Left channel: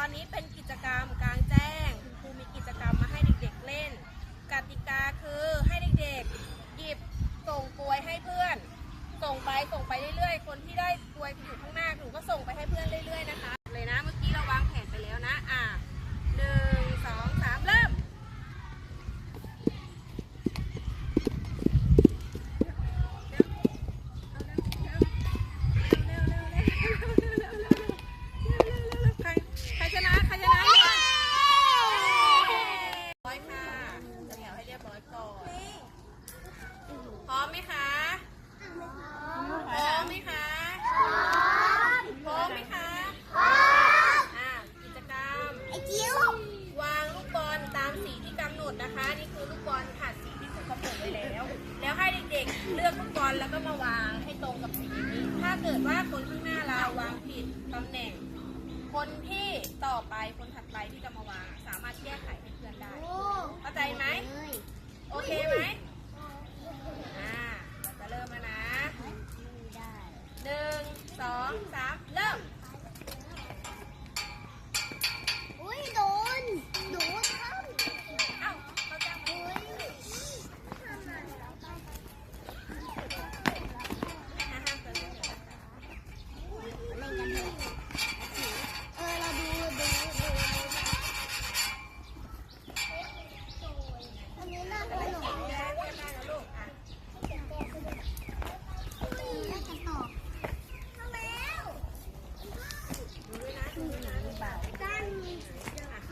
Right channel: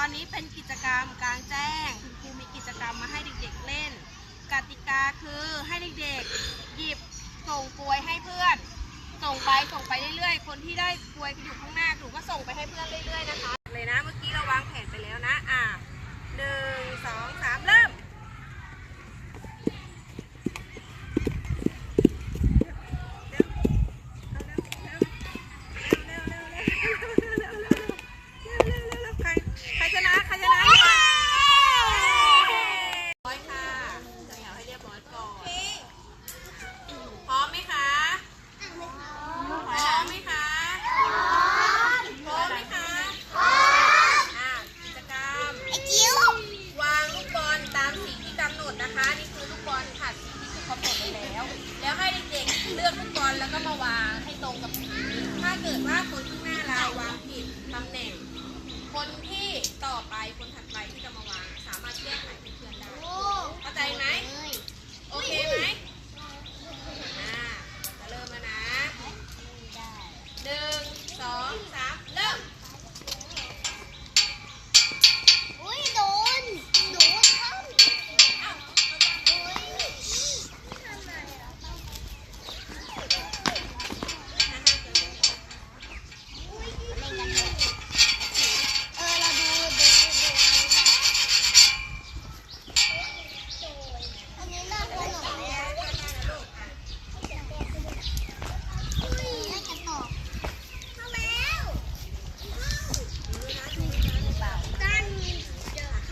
อนนี้เป็นกิจกรรมกลางแจ้ง คุณครูมีกิจกรรมมาให้เด็กๆเล่น กติกาคือให้เด็กๆหยิบส่งกลวยให้เพื่อน ส่งไปส่งไปเรื่อยๆ คนที่ได้กลวยอยู่ข้างหน้าหนูก็ส่งไปให้เพื่อนเรื่อยๆนะคะ เลยนะเมื่อกี้เราวางแผนไปแล้วนะ อะหนึ่งสองสามเริ่ม ใครใครชนะใครชนะร้อยค่ะจะเหนียวให้เรียบร้อยก่อน พร้อมไหมคะ พร้อมไหมคะ พร้อมไหมคะอะกิจกรรม วางลูกบอลตามสีที่กำหนดนะคะ นี่คือลูกบอลค่ะสีที่ถูกกำหนดไว้แล้ว แล้วให้เด็กๆเลือกลูกบอลแล้วก็มาวางให้ตรงกับสีนี้ถ้า เกิดว่าคนข้างหน้าเราวางผิดตำแหน่ง คนที่ต่อไปคนถัดไปที่จะมาวางสามารถแก้ไขเป็นเพื่อนได้เข้าใจไหมโอเคไหมอ่าเราจะเริ่มแล้วนะหนึ่งสองสามเริ่ม เอ้าเข้าใจไหม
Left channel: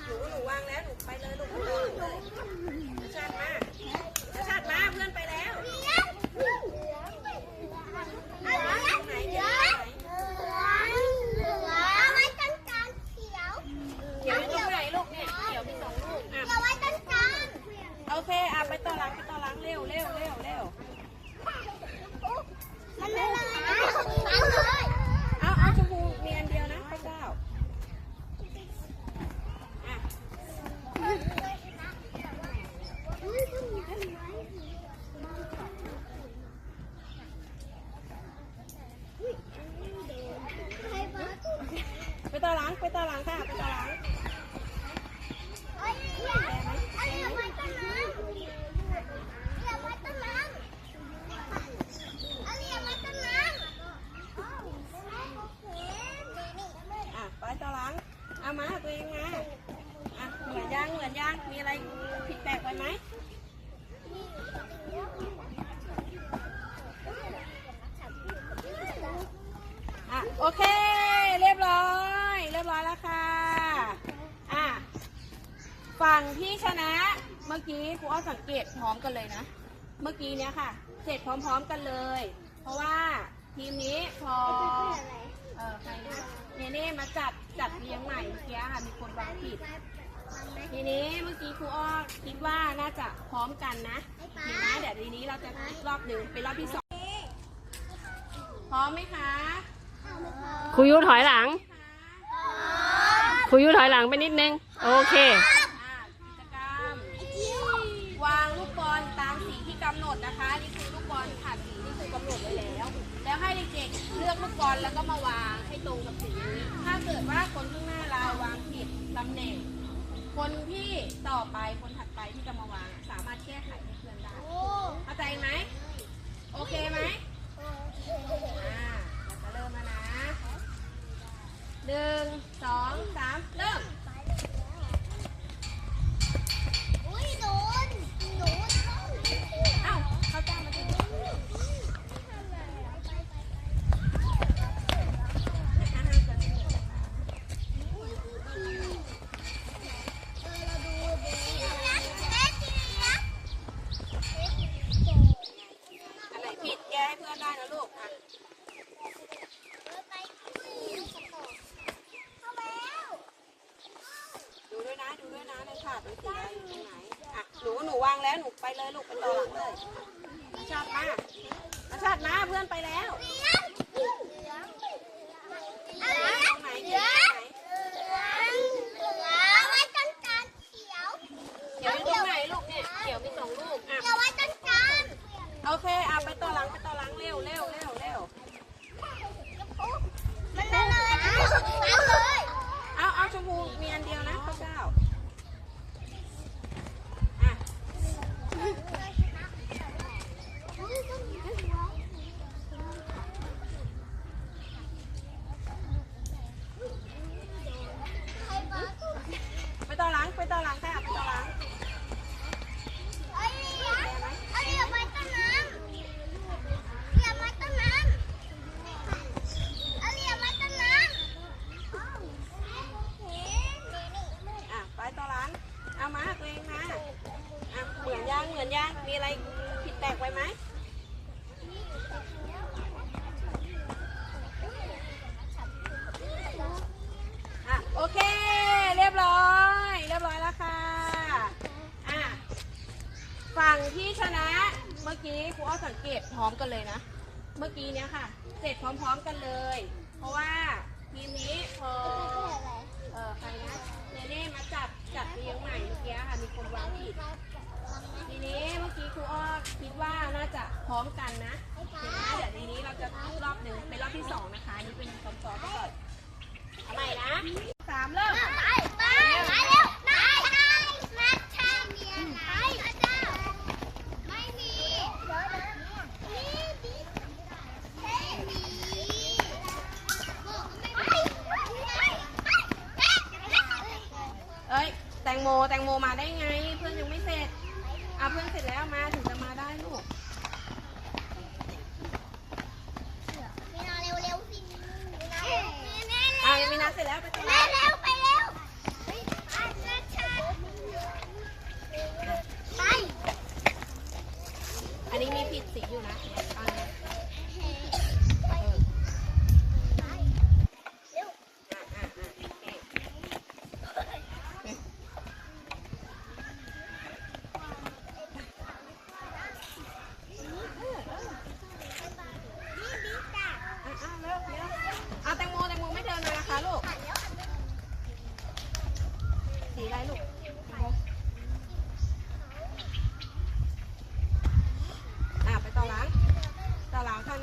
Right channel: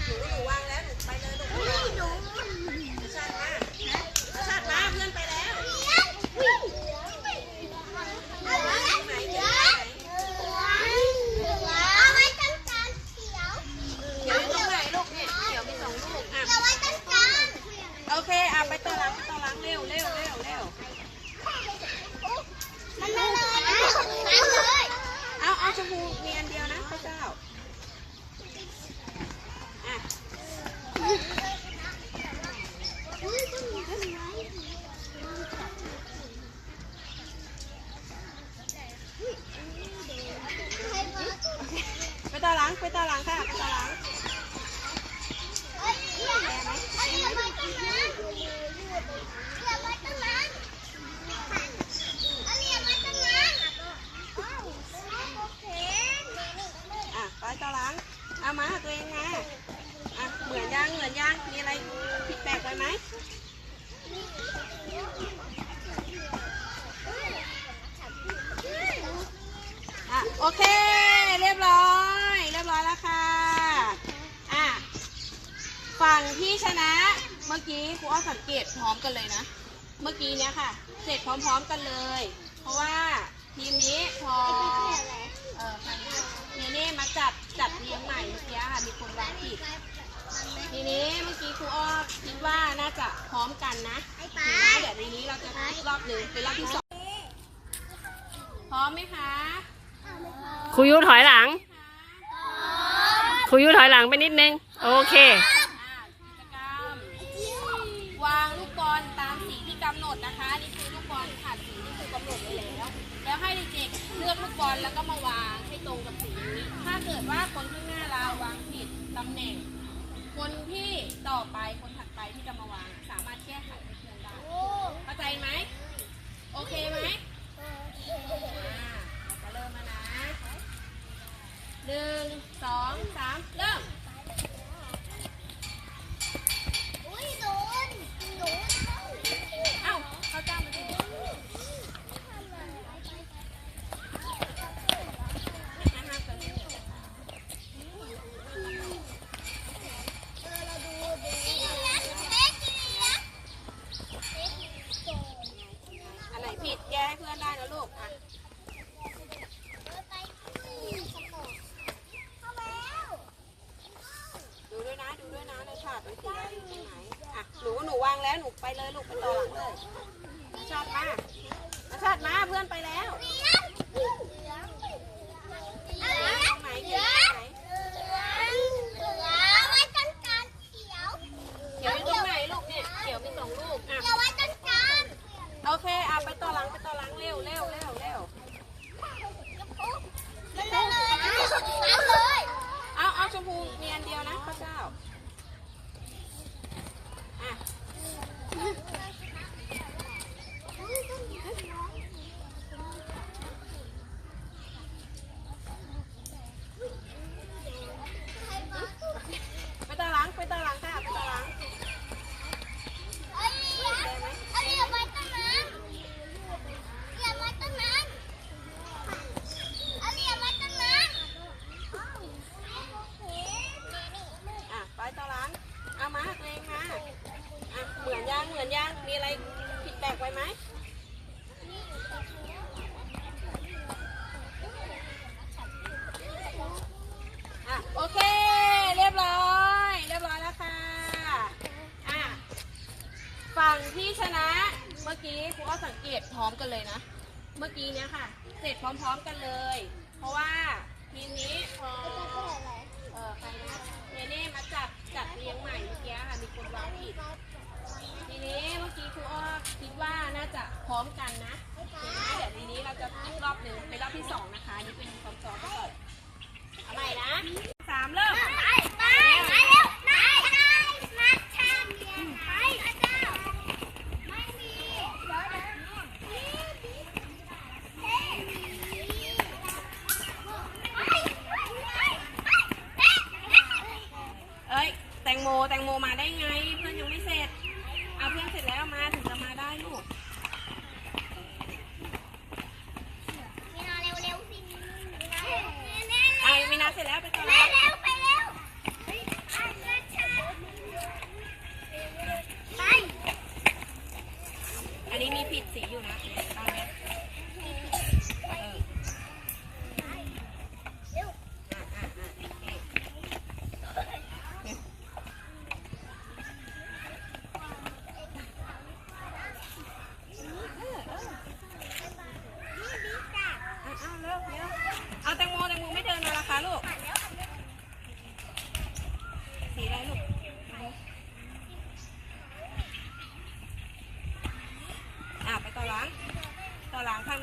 หนูหนูวางแล้วหนูไปเลยลูกชาติมาชาติมาเพื่อนไปแล้วไหนเดี๋ยวไหนเดี๋ยวมีตรงไหนลูกเนี่ยเดี๋ยวมีสองลูกอะโอเคอะไปต่อหลังไปต่อหลังเร็วเร็วเร็วเร็วเอาเอาชมพูมีอันเดียวนะพระเจ้าอะ ไปต่อางค่ะไปต่อหลังเอามาตัวเองมาอะเหมือนยังเหมือนยังมีอะไรผิดแปลกไปไหมอะโอเค เรียบร้อย เรียบร้อยแล้วค่ะอะฝั่งที่ชนะเมื่อกี้ครูอ้อสังเกตพร้อมกันเลยนะ เมื่อกี้เนี้ยค่ะ เสร็จพร้อมๆกันเลย เพราะว่าทีมนี้พอ เออใครเนี่ยนี่มาจัดจัดเรียงใหม่เมื่อกี้ค่ะมีคนวางผิดทีนี้เมื่อกี้ครูอ้อคิดว่าน่าจะพร้อมกันนะทีนี้เดี๋ยวทีนี้เราจะรอบหนึ่งเป็นรอบที่สองพร้อมไหมคะครูยุถอยหลังคะครูยุถอยหลังไปนิดนึง โอเค อ่ากิจกรรม วางลูกบอลตาม สีที่กำหนดนะคะนี่คือลูกบอลผ่านสีที่ครูกำหนดไว้แล้ว แล้วให้เด็กเลือกลูกบอลแล้วก็มาวางให้ตรงกับสีนี้ ถ้าเกิดว่าคนข้างหน้าเราวางผิดตำแหน่ง คนที่ต่อไปคนถัดไปที่จะมาวาง สามารถแก้ไขให้เพื่อนได้เข้าใจไหมโอเคไหม ดูด้วยนะในถาดมันสีอะไรอยู่ตรงไหนอะหนูหนูวางแล้วหนูไปเลยลูกไปต่อหลังเลยนาชาติมานาชาติมาเพื่อนไปแล้วตรงเหลืองเหลืองเหนเชมพูมีอันเดียวนะข้าเจ้า อะไรผิดแปลกไว้ไหมอะโอเค เรียบร้อย เรียบร้อยแล้วค่ะอะฝั่งที่ชนะเมื่อกี้ครูอ้อสังเกตพร้อมกันเลยนะ เมื่อกี้เนี้ยค่ะ เสร็จพร้อมๆกันเลย เพราะว่าทีมนี้พอ เออใครนะเนเน่มาจับจัดเรียงใหม่เมื่อกี้ค่ะ มีคนวางผิด ทีนี้เมื่อกี้ครูอ้อคิด ว่าน่าจะพร้อมกันนะโอเคนะเดี๋ยวทีนี้เราจะอีกรอบหนึ่งเป็นรอบที่สองนะคะอันนี่เป็นซ้อมๆไปก่อนเอาใหม่นะสามเริ่มไปไปไปเร็วไปไปมาทางไปอาจารย์ไม่มีเดี๋ยวนะนี่เฮ้ยไปไปไปไปเอ้ยแตงโมแตงโมมาได้ไงเเพื่อนเสร็จแล้วมาถึงจะมาได้ลูก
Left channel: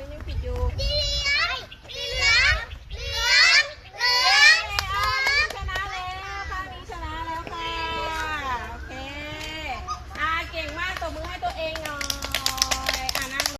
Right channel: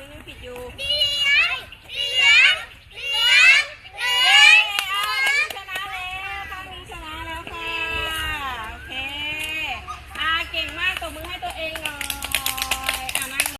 นี้ยังปิดอยู่